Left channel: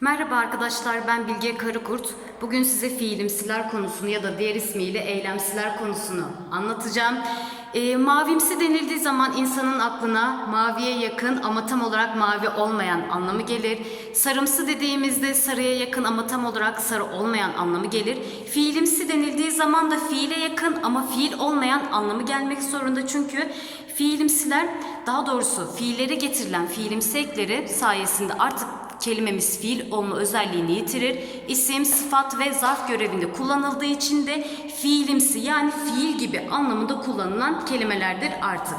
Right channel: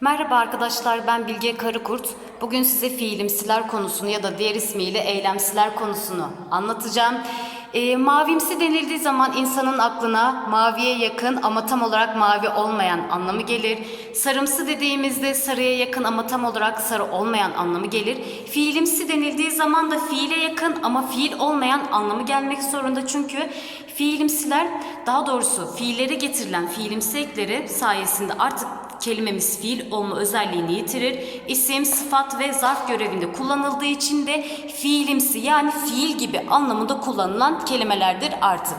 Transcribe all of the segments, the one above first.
Merhaba arkadaşlar ben Bilge Karıkurt. Bugün size fiilimsiler konusunu ya da diğer ismiyle eylemsiler konusunu anlatacağım. Ee, mavimsi denildiği zaman insanın aklına maviye yakın ama tam olarak mavi olmayan anlamı gelir. Sarımsı dediğimizde sarıya yakın ama tam olarak sarı olmayan anlamı gelir. Fiilimsi denildiği zaman da fiile yakın ama fiil olmayan anlamı gelmek zorunda. Çünkü fiilimsiler daha doğrusu fiillere getirilen fiilimsi ekleri sayesinde artık kelimemiz fiil olma özelliğini yitirir. İsim, sıfat ve zarf görevinde kullanıldığı için de fiilimsi yani fiil gibi anlamında kullanılan kelimelerdir artık.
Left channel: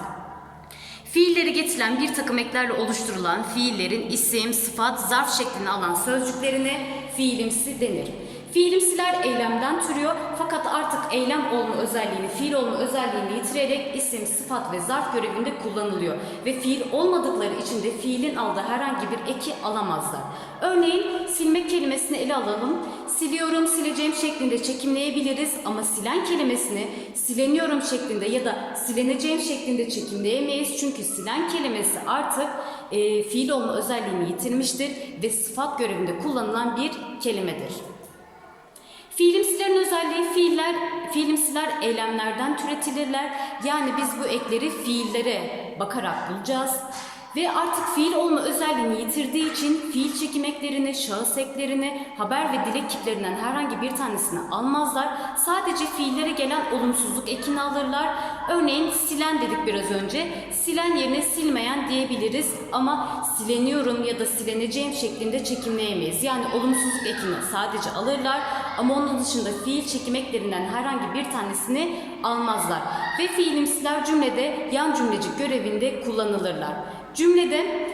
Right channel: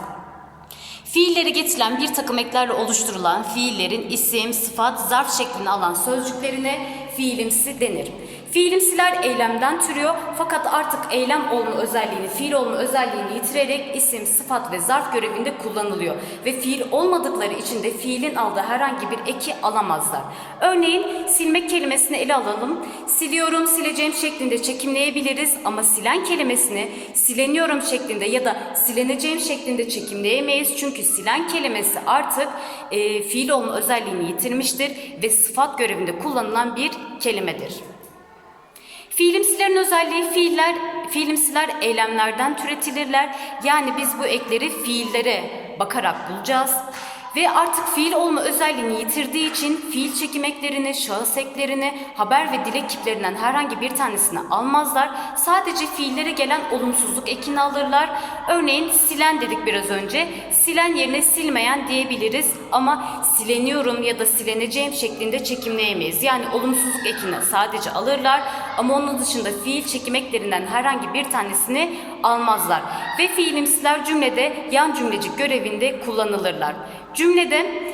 Fiilleri getirilen bir takım eklerle oluşturulan fiillerin isim, sıfat, zarf şeklini alan sözcüklerine fiilimsi denir. Fiilimsiler eylemden türüyor fakat artık eylem olma özelliğini, fiil olma özelliğini yitirerek isim, sıfat ve zarf görevinde kullanılıyor. Ve fiil olmadıkları için de fiilin aldığı herhangi bir eki alamazlar. Örneğin silmek kelimesini ele alalım. Siliyorum, sileceğim şeklinde çekimleyebiliriz ama silen kelimesini sileniyorum şeklinde ya da sileneceğim şeklinde çekimleyemeyiz. Çünkü silen kelimesi artık e, fiil olma özelliğini yitirmiştir ve sıfat görevinde kullanılan bir kelimedir. Fiilimsilerin özelliği fiiller, fiilimsiler eylemlerden türetilirler. Yani biz bu ekleri fiillere bakarak bulacağız. Ve artık fiil olma özelliğini yitirdiği için fiil çekim eklerini, şahıs eklerini, haber ve dilek kiplerinden herhangi bir tanesini almazlar. Sadece fiillere gelen olumsuzluk ekini alırlar. Örneğin silen dedik biraz önce. Silen yerine silmeyen diyebiliriz ama sileniyorum ya da sileneceğim şeklinde çekimleyemeyiz. Yani olumsuzluk ekini sadece alırlar ama onun dışında fiil çekim eklerinden herhangi bir tanesini almazlar. Ve fiilimsiler cümlede yan cümlecik görevinde kullanılırlar. Cümlede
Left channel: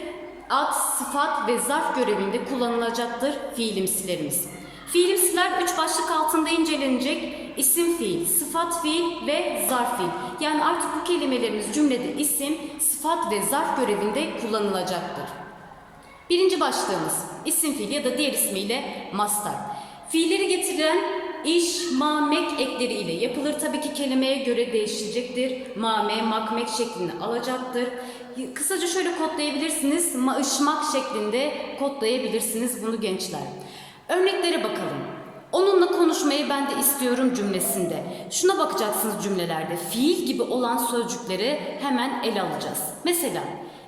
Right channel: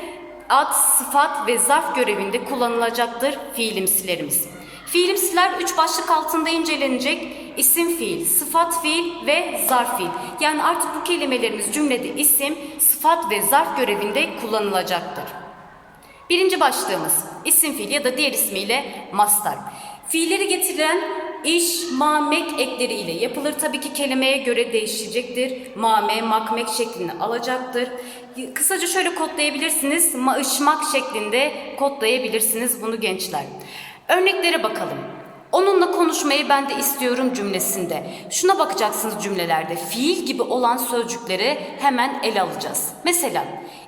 ad, sıfat ve zarf görevinde kullanılacaktır fiilimsilerimiz. Fiilimsiler üç başlık altında incelenecek. İsim fiil, sıfat fiil ve zarf fiil. Yani artık bu kelimelerimiz cümlede isim, sıfat ve zarf görevinde kullanılacaktır. Birinci başlığımız isim fiil ya da diğer ismiyle mastar. Fiilleri getiren iş, mamek ekleriyle yapılır. Tabii ki kelimeye göre değişecektir. Mame, makmek şeklini alacaktır. Kısaca şöyle kodlayabilirsiniz. Maışmak şeklinde kodlayabilirsiniz bunu gençler. Örneklere bakalım. Onunla konuşmayı ben de istiyorum cümlesinde. Şuna bakacaksınız cümlelerde. Fiil gibi olan sözcükleri hemen ele alacağız. Mesela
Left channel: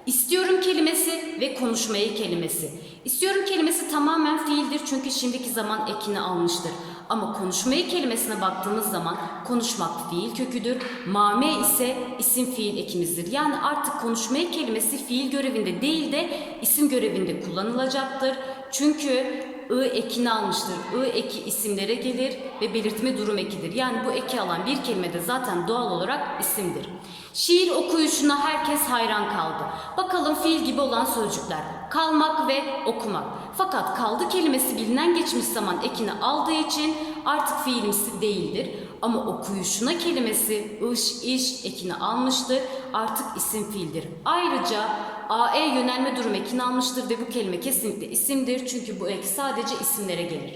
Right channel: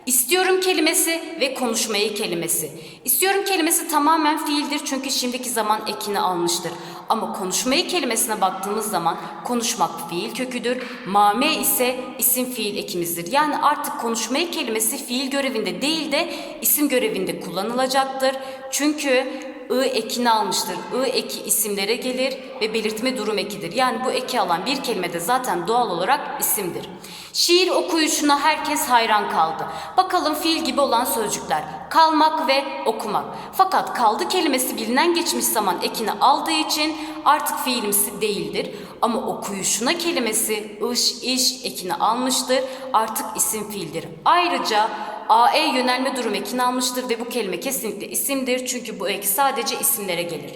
istiyorum kelimesi ve konuşmayı kelimesi. İstiyorum kelimesi tamamen fiildir çünkü şimdiki zaman ekini almıştır. Ama konuşmayı kelimesine baktığımız zaman konuşmak fiil köküdür. Mame ise isim fiil ekimizdir. Yani artık konuşmayı kelimesi fiil görevinde değil de isim görevinde kullanılacaktır. Çünkü ı ekini almıştır. I eki isimlere gelir ve belirtme durum ekidir. Yani bu eki alan bir kelime de zaten doğal olarak isimdir. Şiir okuyuşuna herkes hayran kaldı. Bakalım fiil gibi olan sözcükler. Kalmak ve okumak. Fakat kaldı kelimesi bilinen geçmiş zaman ekini aldığı için artık fiilimsi değildir. Ama okuyuşuna kelimesi ış, iş ekini almıştır. Artık isim fiildir. Ayrıca AE yönelme durum ekini almıştır ve bu kelime kesinlikle isimdir çünkü bu ek sadece isimlere gelir.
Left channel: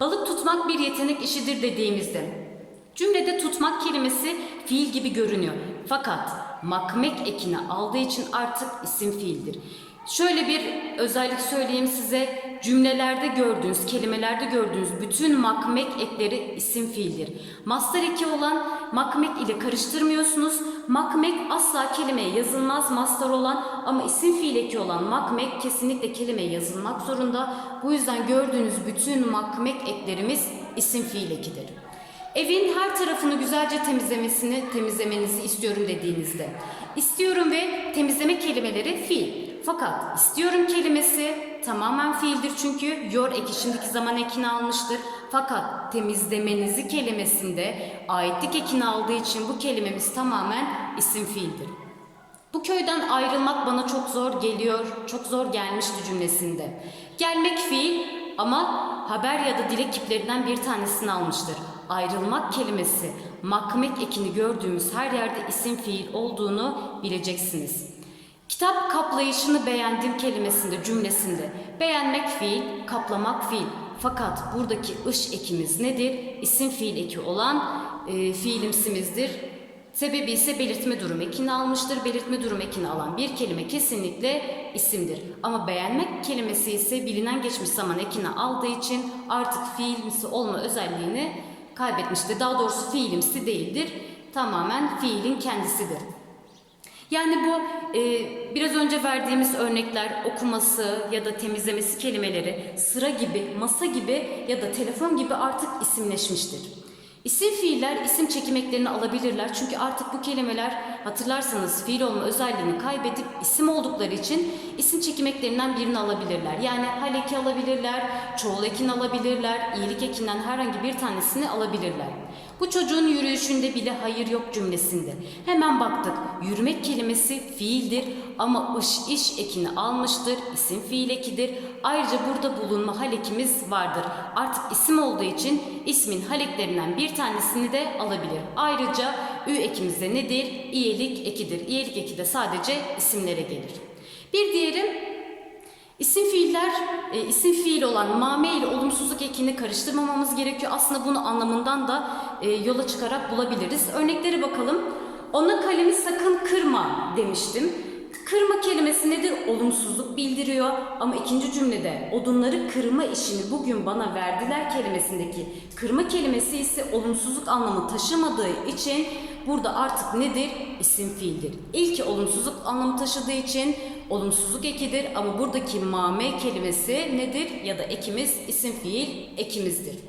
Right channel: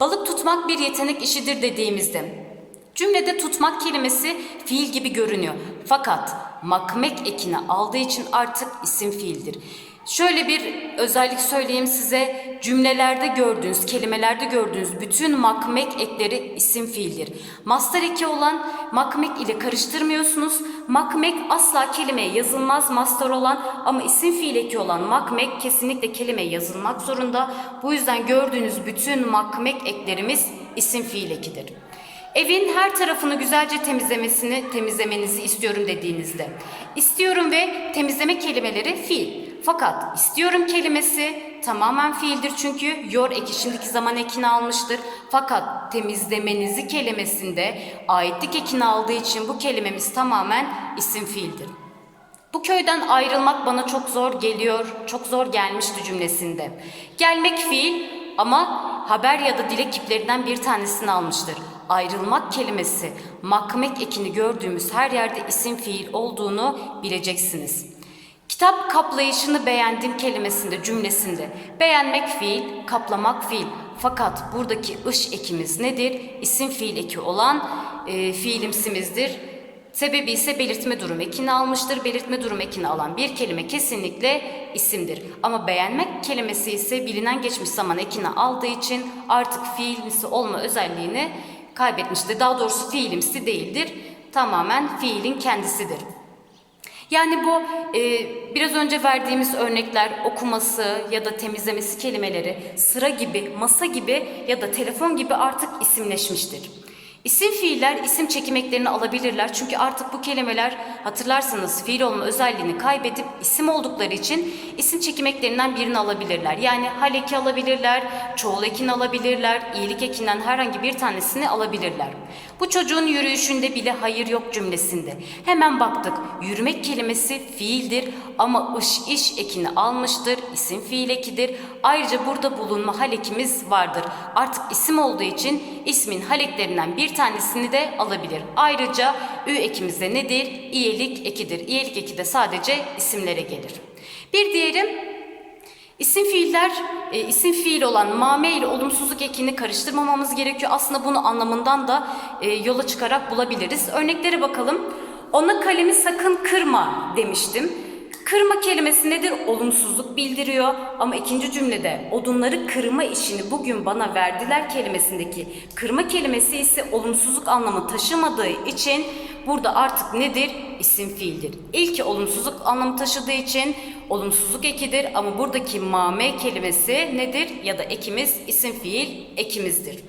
Balık tutmak bir yetenek işidir dediğimizde cümlede tutmak kelimesi fiil gibi görünüyor. Fakat makmek ekini aldığı için artık isim fiildir. Şöyle bir özellik söyleyeyim size. Cümlelerde gördüğünüz, kelimelerde gördüğünüz bütün makmek ekleri isim fiildir. Master eki olan makmek ile karıştırmıyorsunuz. Makmek asla kelimeye yazılmaz master olan ama isim fiil eki olan makmek kesinlikle kelimeye yazılmak zorunda. Bu yüzden gördüğünüz bütün makmek eklerimiz isim fiil ekidir. Evin her tarafını güzelce temizlemesini, temizlemenizi istiyorum dediğinizde. İstiyorum ve temizleme kelimeleri fiil. Fakat istiyorum kelimesi tamamen fiildir çünkü yor eki şimdiki zaman ekini almıştır. Fakat temizlemenizi kelimesinde aitlik ekini aldığı için bu kelimemiz tamamen isim fiildir. Bu köyden ayrılmak bana çok zor geliyor, çok zor gelmişti cümlesinde. Gelmek fiil ama haber ya da dilek kiplerinden bir tanesini almıştır. Ayrılmak kelimesi makmek ekini gördüğümüz her yerde isim fiil olduğunu bileceksiniz. Kitap kaplayışını beğendim kelimesinde cümlesinde beğenmek fiil, kaplamak fiil. Fakat buradaki ış ekimiz nedir? İsim fiil eki olan e, fiilimsimizdir. Sebebi ise belirtme durum ekini almıştır. Belirtme durum ekini alan bir kelime kesinlikle isimdir. Ama beğenmek kelimesi ise bilinen geçmiş zaman ekini aldığı için artık fiilimsi olma özelliğini kaybetmiştir. Daha doğrusu fiilimsi değildir. Tamamen fiilin kendisidir. Yani bu e, biraz önce verdiğimiz örnekler okuması ya da temizlemesi kelimeleri sıra gibi, masa gibi ya da telefon gibi artık isimleşmiştir. İsim fiiller isim çekimeklerini alabilirler çünkü artık bu kelimeler hatırlarsanız fiil olma özelliğini kaybedip isim oldukları için isim çekimeklerini birini alabilirler. Yani hal eki alabilirler, çoğul ekini alabilirler, iyilik ekinden herhangi bir tanesini alabilirler. Bu çocuğun yürüyüşünde bile hayır yok cümlesinde. Hemen baktık. Yürümek kelimesi fiildir ama ış iş ekini almıştır. isim fiil ekidir. Ayrıca burada bulunma hal ekimiz vardır. Artık isim olduğu için ismin hal eklerinden bir tanesini de alabilir. Ayrıca ü ekimiz de nedir? İyelik ekidir. İyelik eki de sadece isimlere gelir. Bir diğeri İsim fiiller, e, isim fiil olan mame ile olumsuzluk ekini karıştırmamamız gerekiyor. Aslında bunu anlamından da e, yola çıkarak bulabiliriz. Örneklere bakalım. Ona kalemi sakın kırma demiştim. Kırma kelimesi nedir? Olumsuzluk bildiriyor. Ama ikinci cümlede odunları kırma işini bugün bana verdiler kelimesindeki kırma kelimesi ise olumsuzluk anlamı taşımadığı için burada artık nedir? İsim fiildir. İlki olumsuzluk anlamı taşıdığı için olumsuzluk ekidir ama buradaki mame kelimesi nedir? Ya da ekimiz isim fiil ekimizdir.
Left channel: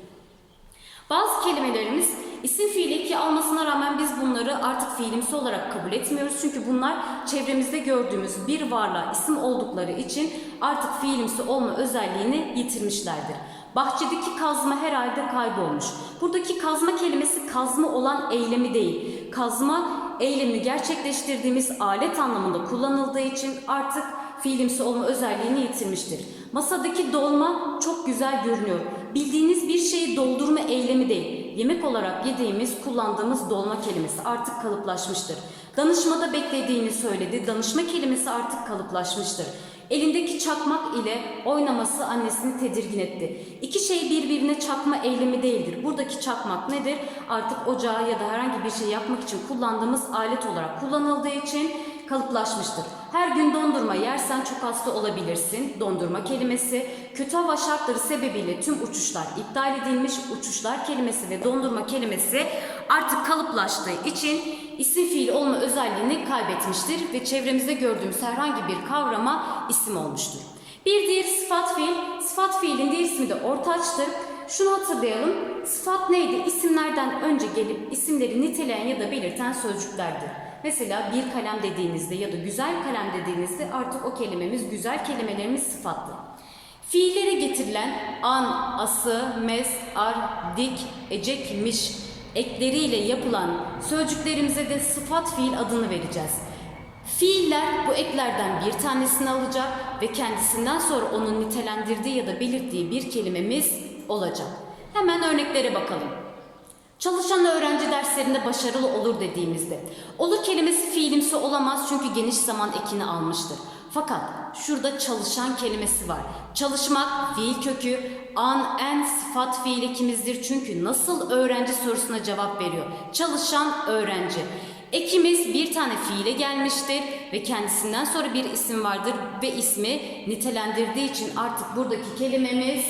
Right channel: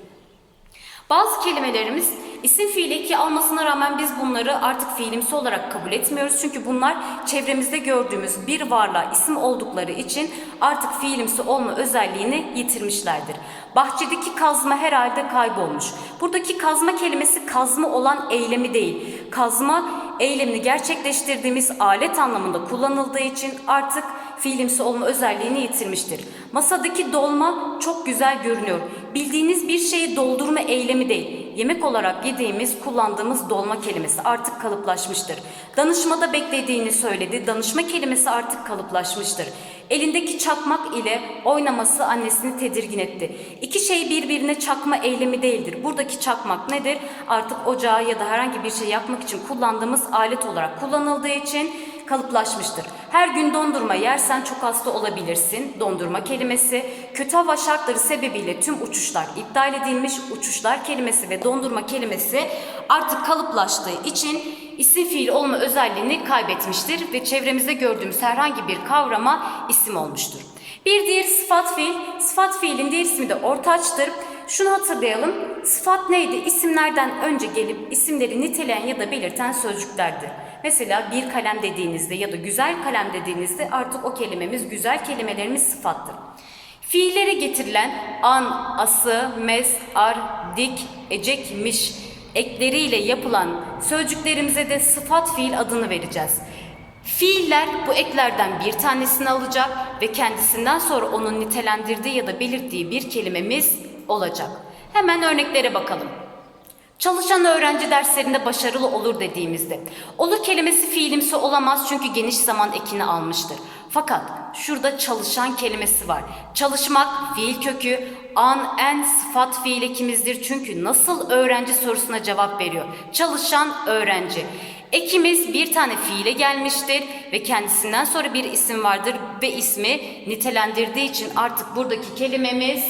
Bazı kelimelerimiz isim fiil eki almasına rağmen biz bunları artık fiilimsi olarak kabul etmiyoruz. Çünkü bunlar çevremizde gördüğümüz bir varlığa isim oldukları için artık fiilimsi olma özelliğini yitirmişlerdir. Bahçedeki kazma herhalde kaybolmuş. Buradaki kazma kelimesi kazma olan eylemi değil. Kazma eylemini gerçekleştirdiğimiz alet anlamında kullanıldığı için artık fiilimsi olma özelliğini yitirmiştir. Masadaki dolma çok güzel görünüyor. Bildiğiniz bir şeyi doldurma eylemi değil. Yemek olarak yediğimiz, kullandığımız dolma kelimesi artık kalıplaşmıştır. Danışmada beklediğini söyledi. Danışma kelimesi artık kalıplaşmıştır. Elindeki çakmak ile oynaması annesini tedirgin etti. İki şey birbirine çakma eylemi değildir. Buradaki çakmak nedir? Artık ocağı ya da herhangi bir şey yapmak için kullandığımız alet olarak kullanıldığı için kalıplaşmıştır. Her gün dondurma yersen çok hasta olabilirsin. Dondurma kelimesi kötü hava şartları sebebiyle tüm uçuşlar iptal edilmiş. Uçuşlar kelimesi ve dondurma kelimesi artık kalıplaştığı için isim fiil olma özelliğini kaybetmiştir ve çevremizde gördüğümüz herhangi bir kavrama isim olmuştur. Bir diğer sıfat fiil, sıfat fiilin diğer ismi de ortaçtır. Şunu hatırlayalım, sıfat neydi? İsimlerden önce gelip isimleri niteleyen ya da belirten sözcüklerdi. Mesela bir kalem dediğinizde ya da güzel kalem dediğinizde artık o kelimemiz güzel kelimelerimiz sıfattır. Fiillere getirilen an, ası, mes, ar, dik, ecek, miş ekleriyle yapılan sözcüklerimize de sıfat fiil adını vereceğiz. Fiiller bu eklerden bir tanesini alacak ve kendisinden sonra onun nitelendirdiği ya da belirttiği bir kelimemiz olacak. Hemen örneklere bakalım. Çalışan öğrenci derslerinde başarılı olur dediğimizde. Olur kelimesi fiilimsi olamaz çünkü geniş zaman ekini almıştır. Fakat şurada çalışan kelimesi var. Çalışmak fiil kökü an en sıfat fiil ekimizdir. Çünkü nasıl öğrenci sorusuna cevap veriyor. Çalışan öğrenci. Ekimiz bir tane fiile gelmiştir ve kendisinden sonra bir isim vardır ve ismi nitelendirdiği için artık buradaki kelimemiz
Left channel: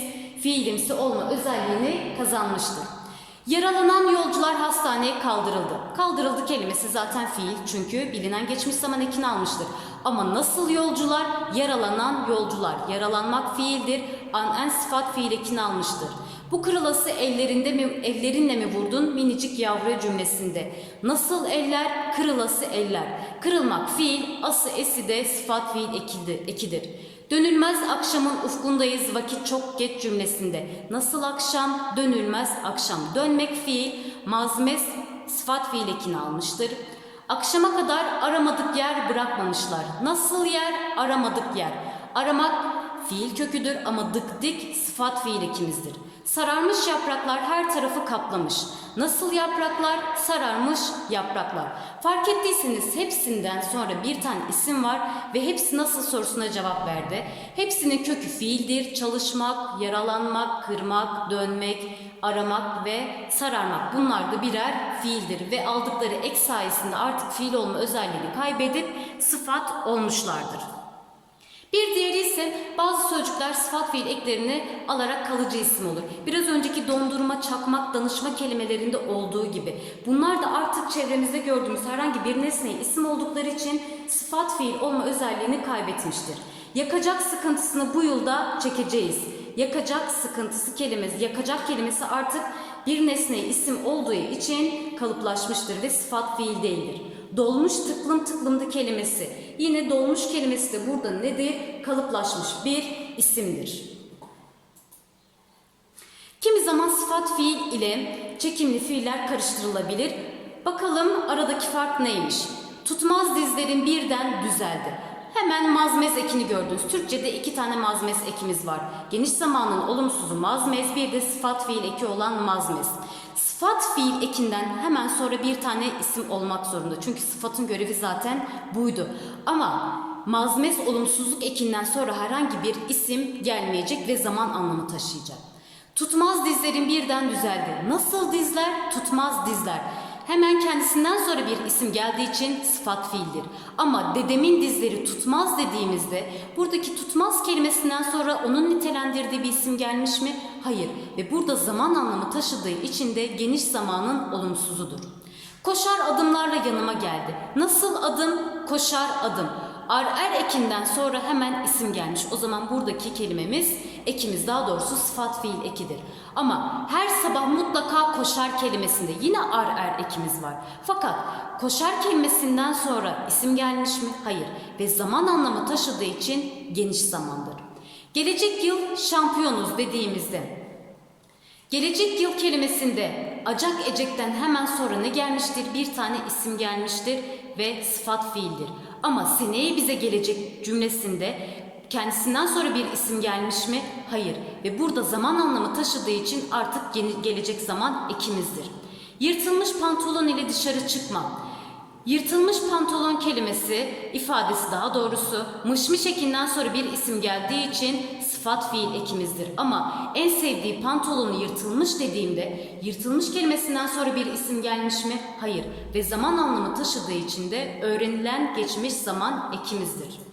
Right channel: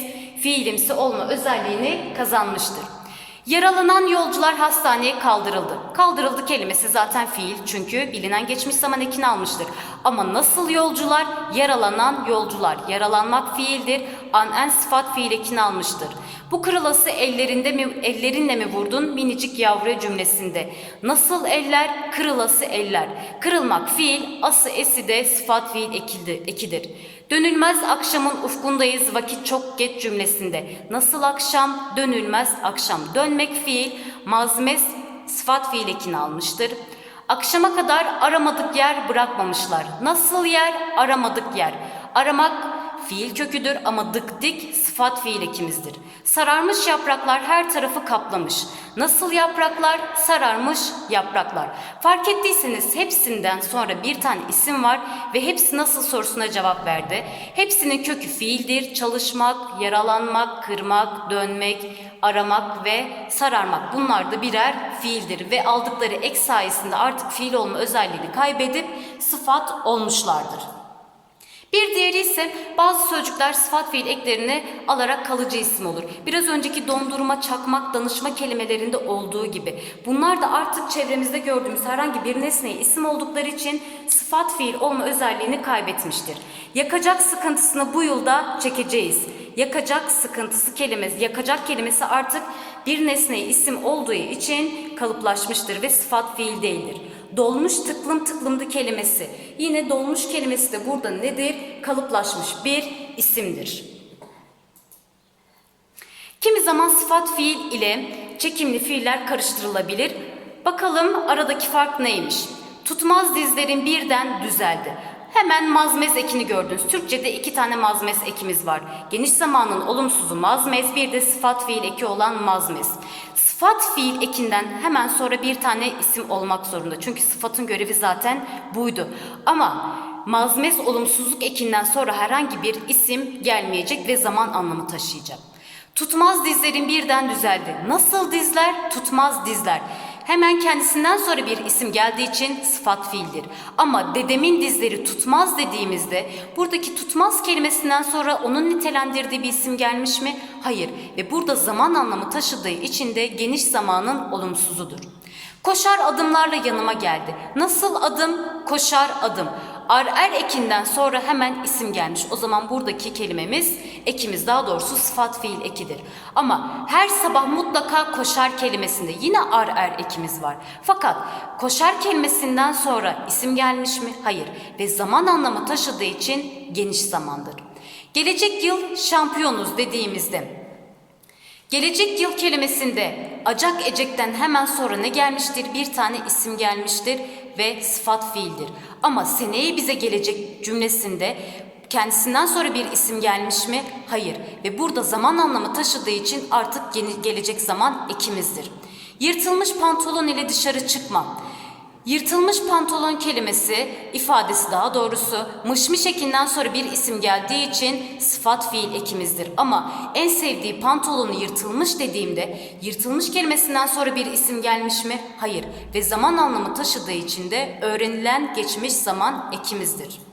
fiilimsi olma özelliğini kazanmıştır. Yaralanan yolcular hastaneye kaldırıldı. Kaldırıldı kelimesi zaten fiil çünkü bilinen geçmiş zaman ekini almıştır. Ama nasıl yolcular? Yaralanan yolcular. Yaralanmak fiildir. An en sıfat fiil ekini almıştır. Bu kırılası ellerinde mi, ellerinle mi vurdun minicik yavru cümlesinde. Nasıl eller? Kırılası eller. Kırılmak fiil, ası esi de sıfat fiil ekildi, ekidir. Dönülmez akşamın ufkundayız vakit çok geç cümlesinde. Nasıl akşam? Dönülmez akşam. Dönmek fiil, mazmes sıfat fiil ekini almıştır. Akşama kadar aramadık yer bırakmamışlar. Nasıl yer? Aramadık yer. Aramak fiil köküdür ama dık dik sıfat fiil ekimizdir. Sararmış yapraklar her tarafı kaplamış. Nasıl yapraklar? Sararmış yapraklar. Fark ettiyseniz hepsinden sonra bir tane isim var ve hepsi nasıl sorusuna cevap verdi. Hepsinin kökü fiildir. Çalışmak, yaralanmak, kırmak, dönmek, aramak ve sararmak. Bunlar da birer fiildir ve aldıkları ek sayesinde artık fiil olma özelliğini kaybedip sıfat olmuşlardır. Bir diğeri ise bazı sözcükler sıfat fiil eklerini alarak kalıcı isim olur. Biraz önceki dondurma, çakmak, danışma kelimelerinde olduğu gibi. Bunlar da artık çevremizde gördüğümüz herhangi bir nesneye isim oldukları için sıfat fiil olma özelliğini kaybetmiştir. Yakacak sıkıntısını bu yılda çekeceğiz. Yakacak sıkıntısı kelimesi, yakacak kelimesi artık bir nesneye isim olduğu için kalıplaşmıştır ve sıfat fiil değildir. Dolmuş tıklım tıklımdı kelimesi. Yine dolmuş kelimesi de burada nedir? Kalıplaşmış bir isimdir. Kimi zaman sıfat fiil ile çekimli fiiller karıştırılabilir. Bakalım aradaki fark neymiş? Tutmaz dizlerin birden düzeldi. Hemen mazmez ekini gördünüz. Türkçe'de iki tane mazmez ekimiz var. Geniş zamanın olumsuzu mazmez, bir de sıfat fiil eki olan mazmez. Sıfat fiil ekinden hemen sonra bir tane isim olmak zorunda. Çünkü sıfatın görevi zaten buydu. Ama mazmez olumsuzluk ekinden sonra herhangi bir isim gelmeyecek ve zaman anlamı taşıyacak. Tutmaz dizlerin birden düzeldi. Nasıl dizler? Tutmaz dizler. Hemen kendisinden sonra bir isim geldiği için sıfat fiildir. Ama dedemin dizleri tutmaz dediğimizde buradaki tutmaz kelimesinden sonra onun nitelendirdiği bir isim gelmiş mi? Hayır. Ve burada zaman anlamı taşıdığı için de geniş zamanın olumsuzudur. Koşar adımlarla yanıma geldi. Nasıl adım? Koşar adım. Ar er ekinden sonra hemen isim gelmiş. O zaman buradaki kelimemiz ekimiz daha doğrusu sıfat fiil ekidir. Ama her sabah mutlaka koşar kelimesinde yine ar er ekimiz var. Fakat koşar kelimesinden sonra isim gelmiş mi? Hayır. Ve zaman anlamı taşıdığı için geniş zamandır. Gelecek yıl şampiyonuz dediğimizde Gelecek yıl kelimesinde acak ecekten hemen sonra ne gelmiştir? Bir tane isim gelmiştir ve sıfat fiildir. Ama seneye bize gelecek cümlesinde kendisinden sonra bir isim gelmiş mi? Hayır. Ve burada zaman anlamı taşıdığı için artık gelecek zaman ekimizdir. Yırtılmış pantolon ile dışarı çıkma. Yırtılmış pantolon kelimesi ifadesi daha doğrusu mışmış ekinden sonra bir isim geldiği için sıfat fiil ekimizdir. Ama en sevdiği pantolonu yırtılmış dediğimde yırtılmış kelimesinden sonra bir isim gelmiş mi? Hayır. Ve zaman anlamı taşıdığı için de öğrenilen geçmiş zaman ekimizdir.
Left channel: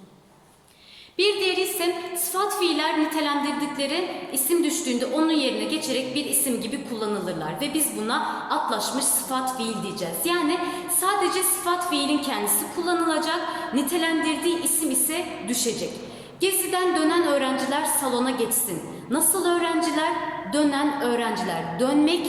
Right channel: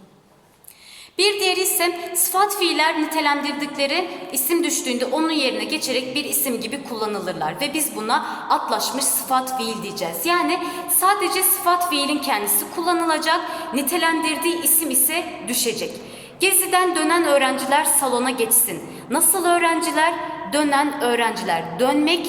Bir diğeri ise sıfat fiiller nitelendirdikleri isim düştüğünde onun yerine geçerek bir isim gibi kullanılırlar ve biz buna atlaşmış sıfat fiil diyeceğiz. Yani sadece sıfat fiilin kendisi kullanılacak, nitelendirdiği isim ise düşecek. Geziden dönen öğrenciler salona geçsin. Nasıl öğrenciler? Dönen öğrenciler. Dönmek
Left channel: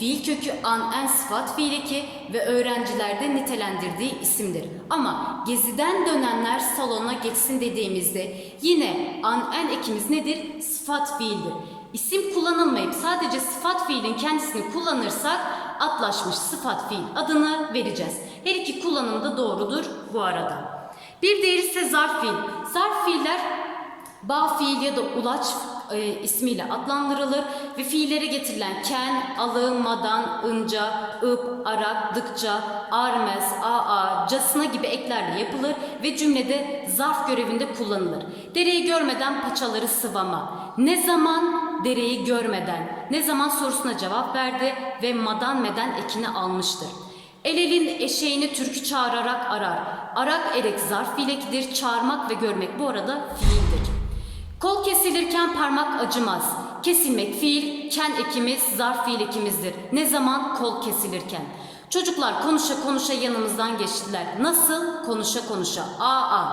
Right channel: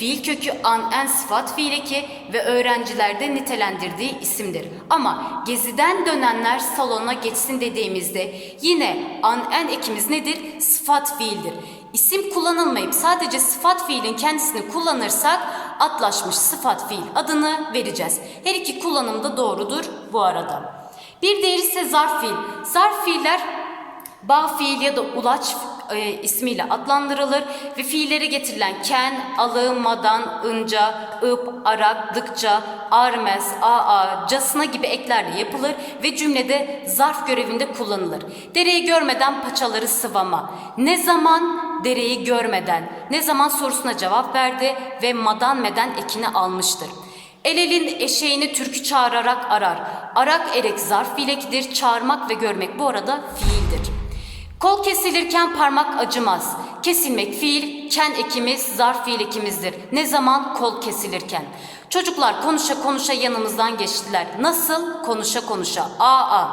Fiil kökü an en sıfat fiil eki ve öğrencilerde nitelendirdiği isimdir. Ama geziden dönenler salona geçsin dediğimizde yine an en ekimiz nedir? Sıfat fiildir. İsim kullanılmayıp sadece sıfat fiilin kendisini kullanırsak atlaşmış sıfat fiil adını vereceğiz. Her iki kullanım da doğrudur bu arada. Bir diğeri ise zarf fiil. Zarf fiiller Bağ fiil ya da ulaç e, ismiyle adlandırılır ve fiillere getirilen ken, alı, madan, ınca, ıp, arak, dıkça, armez, aa, casına gibi eklerle yapılır ve cümlede zarf görevinde kullanılır. Dereyi görmeden paçaları sıvama. Ne zaman? Dereyi görmeden. Ne zaman sorusuna cevap verdi ve madan meden ekini almıştır. El elin eşeğini türkü çağırarak arar. Arak erek zarf fiilekidir. Çağırmak ve görmek bu arada fiildir. Kol kesilirken parmak acımaz. Kesilmek fiil, ken ekimiz, zarf fiil ekimizdir. Ne zaman? Kol kesilirken. Çocuklar konuşa konuşa yanımızdan geçtiler. Nasıl? Konuşa konuşa. Aa.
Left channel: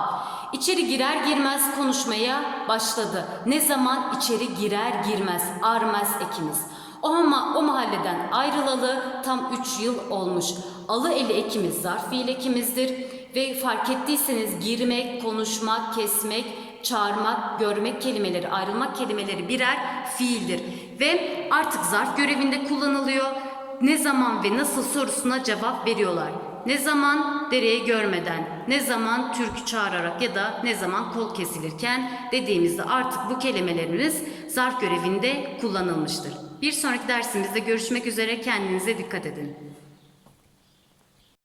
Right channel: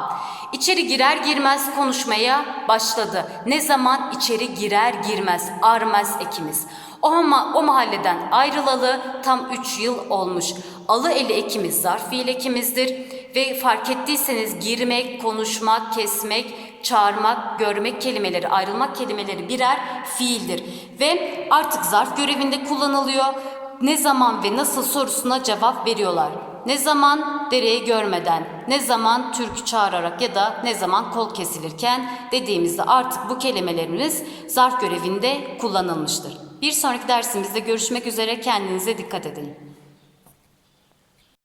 İçeri girer girmez konuşmaya başladı. Ne zaman? içeri girer girmez. Armez ekimiz. O, ma- o mahalleden ayrılalı tam 3 yıl olmuş. Alı eli ekimiz zarf fiil ekimizdir. Ve fark ettiyseniz girmek, konuşmak, kesmek, çağırmak, görmek kelimeleri, ayrılmak kelimeleri birer fiildir. Ve artık zarf görevinde kullanılıyor. Ne zaman ve nasıl sorusuna cevap veriyorlar. Ne zaman dereyi görmeden, ne zaman türkü çağırarak ya da ne zaman kol kesilirken dediğimizde artık bu kelimelerimiz zarf görevinde kullanılmıştır. Bir sonraki dersimizde görüşmek üzere kendinize dikkat edin.